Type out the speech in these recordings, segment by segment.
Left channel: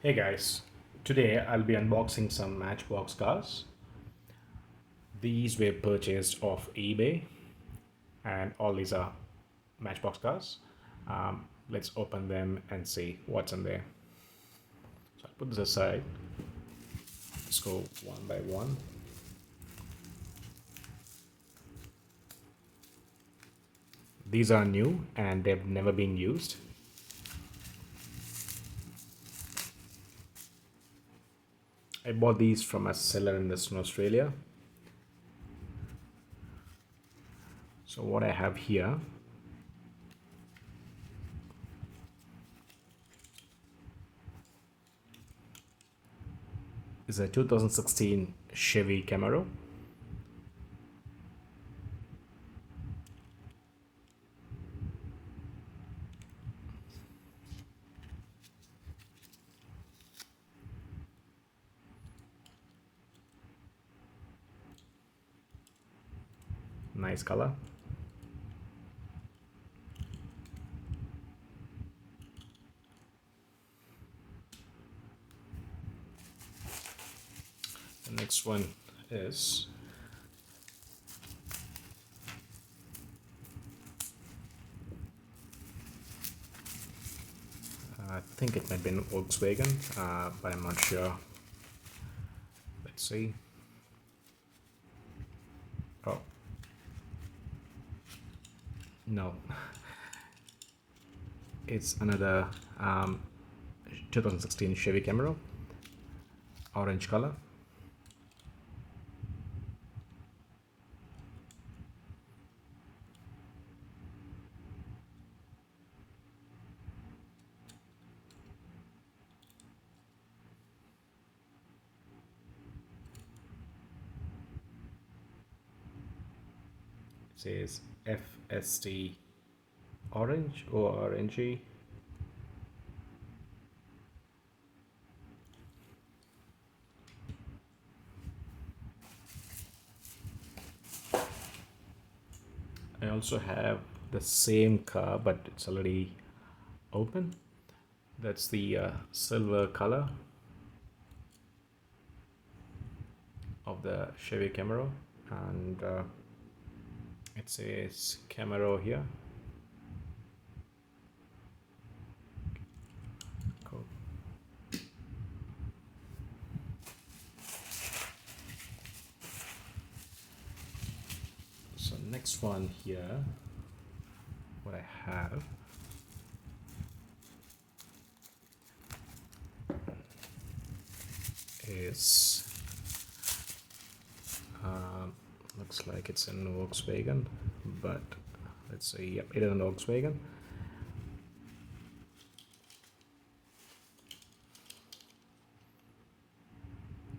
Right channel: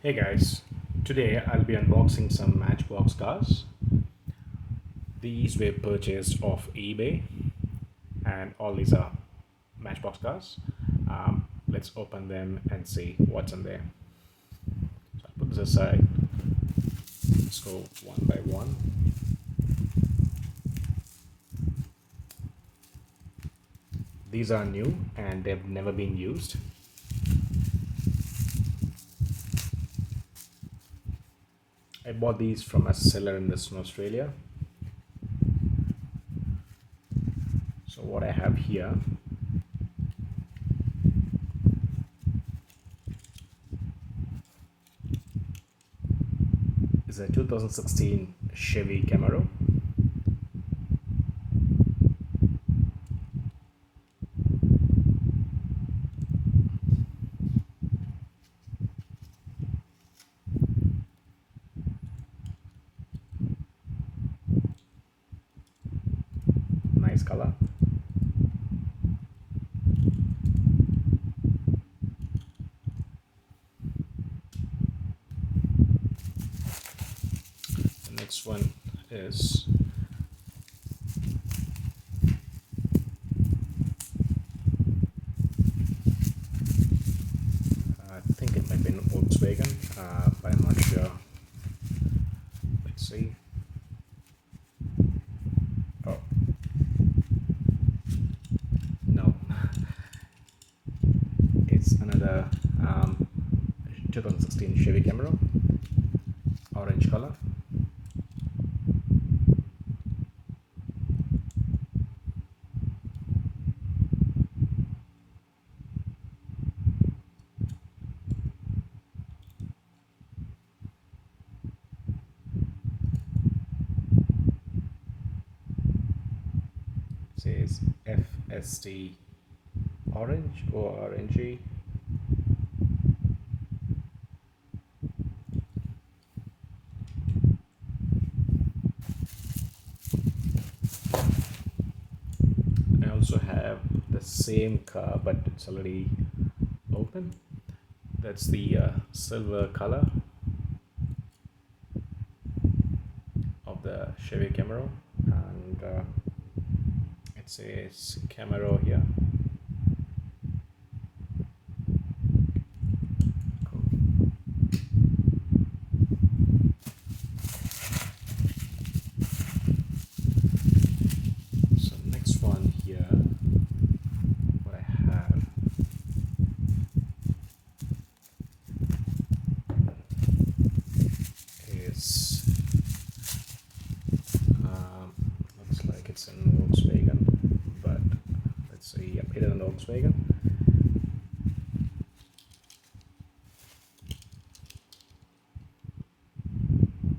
Hey guys, today I'll be unboxing some Matchbox cars. These were purchased off eBay and all these are Matchbox cars. Let's open them and see what's in there. So I'll put this aside. Let's go one by one. These are new and they've never been used. I bought these from a seller in Western Australia. So what I have here is a 2016 Chevy Camaro. Nice color. The next one is I think it might be an Volkswagen, but I'm not sure. Let's see. Oh, no. It's another 2016 Chevy Camaro, orange color. It says FST orange or orangey. I also have the same car, but it's already open. That's the silver color of the Chevy Camaro, and it says Camaro here. Cool. So next one here, what I have is looks like it's in Volkswagen, but let's see. Yep, it is in Volkswagen.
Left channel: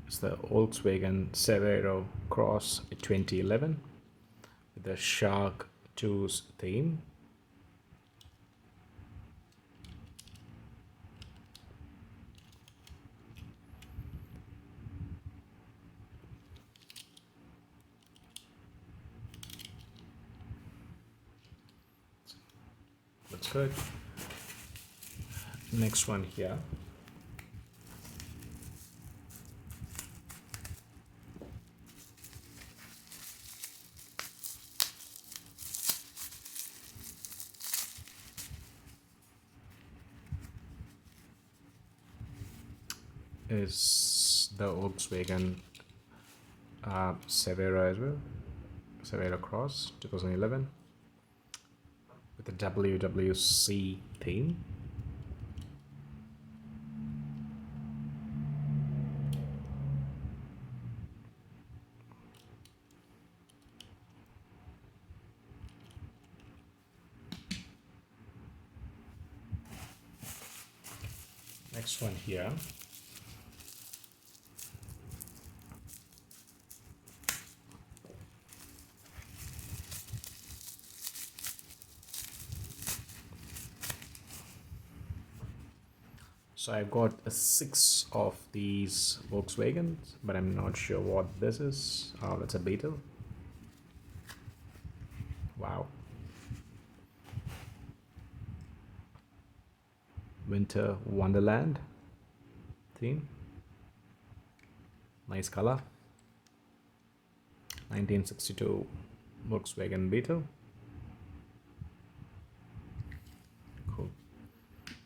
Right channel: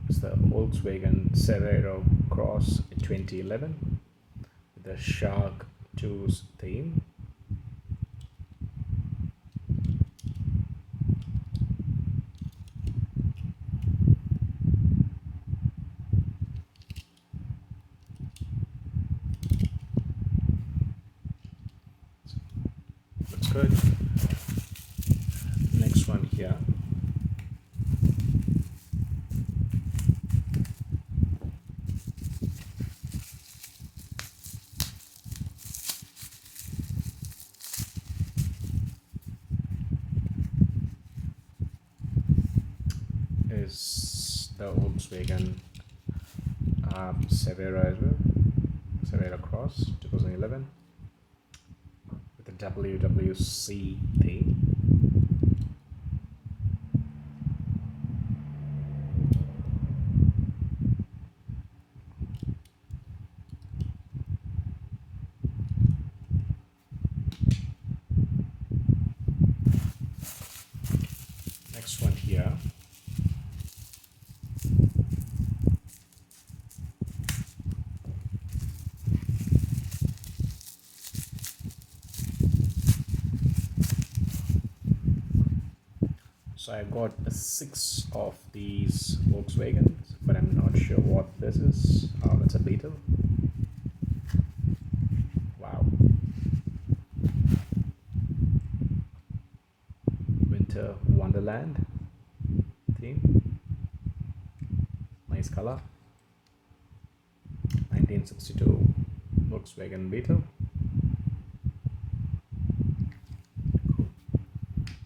It's the Volkswagen Cerero Cross 2011 with the Shark Tooth theme. Looks good. Next one here is the Volkswagen Severa as well. Severa Cross 2011 with the WWC theme. Next one here so I got six of these Volkswagens, but I'm not sure what this is. Oh, that's a Beetle. Wow. Winter Wonderland. theme. Nice color. 1962 Volkswagen Beetle. Cool.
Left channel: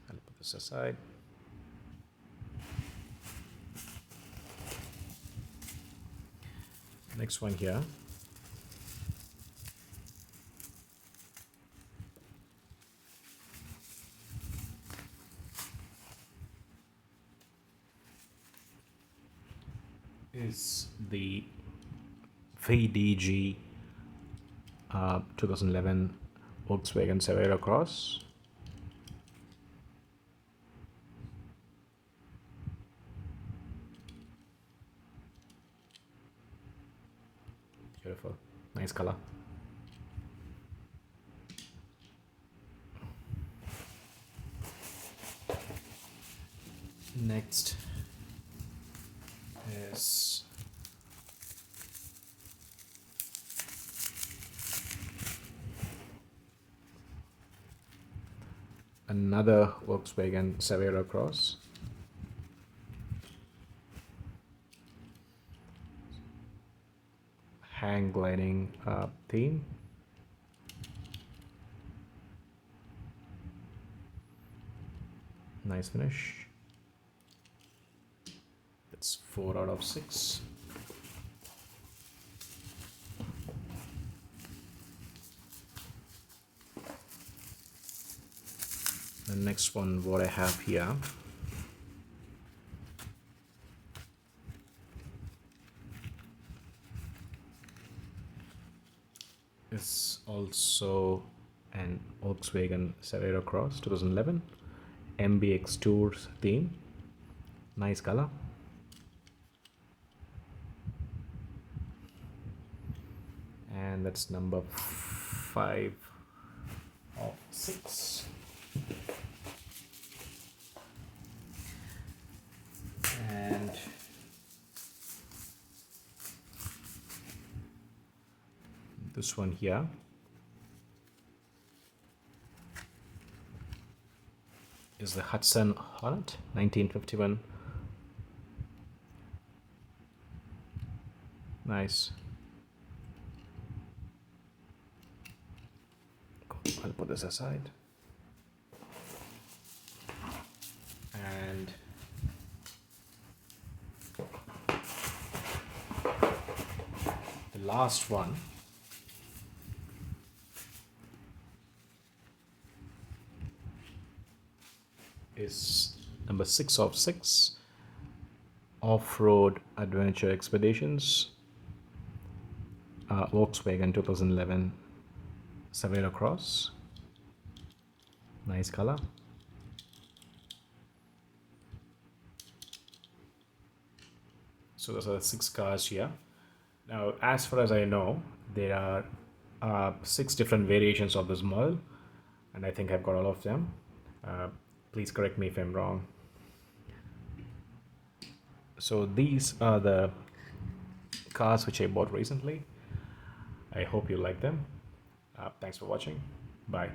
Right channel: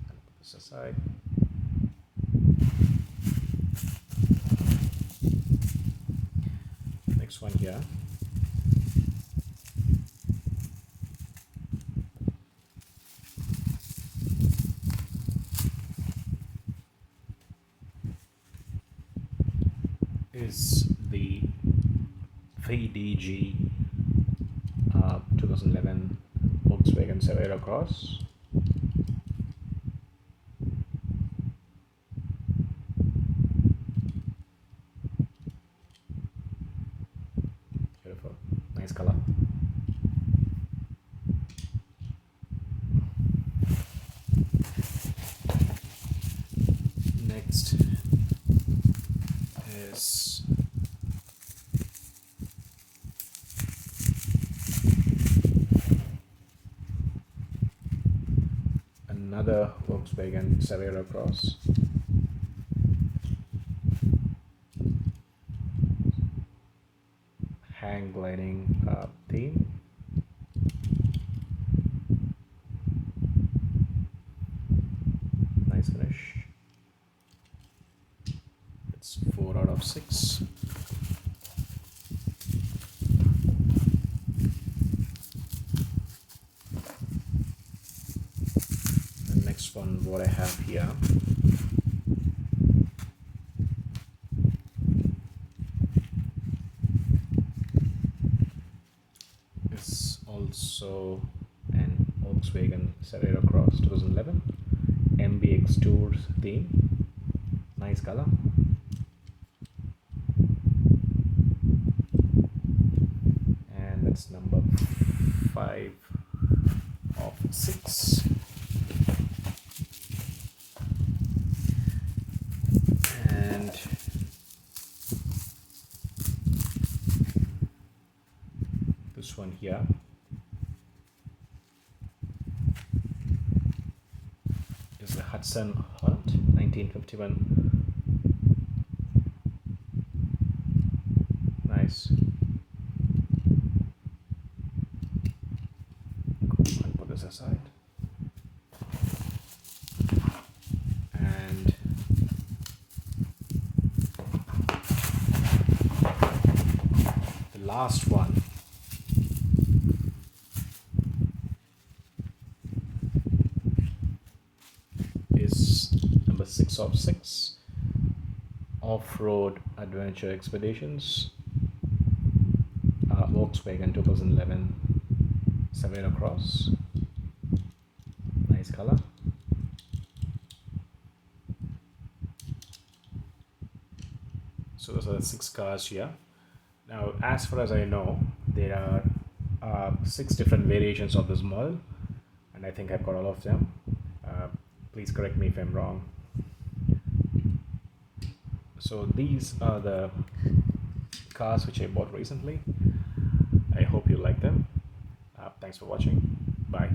I'll put this aside. Next one here is the VDG 2011 Volkswagen Savera Cross. Beautiful, nice color. Next is another Volkswagen Savera Cross. Hang gliding theme. Nice finish. That's 4 out of 6. The next one, what I have here, is also an Volkswagen Savera Cross 2011 MBX Tours theme. Nice color. And that's number 5 of 6. And this one here is the Hudson Hunt 1951. Nice. Cool. I'll put this aside. And the last one is number 6 of 6, Off-Road Adventure Expeditions, Volkswagen 2011 Savera Cross. Nice color. So those are the 6 cars here. Now, as far as I know, there are 6 different variations of this model, and I think I've got all of them. Please correct me if I'm wrong. So these are the cars which I bought recently. I hope you like them. Thanks for watching. Bye.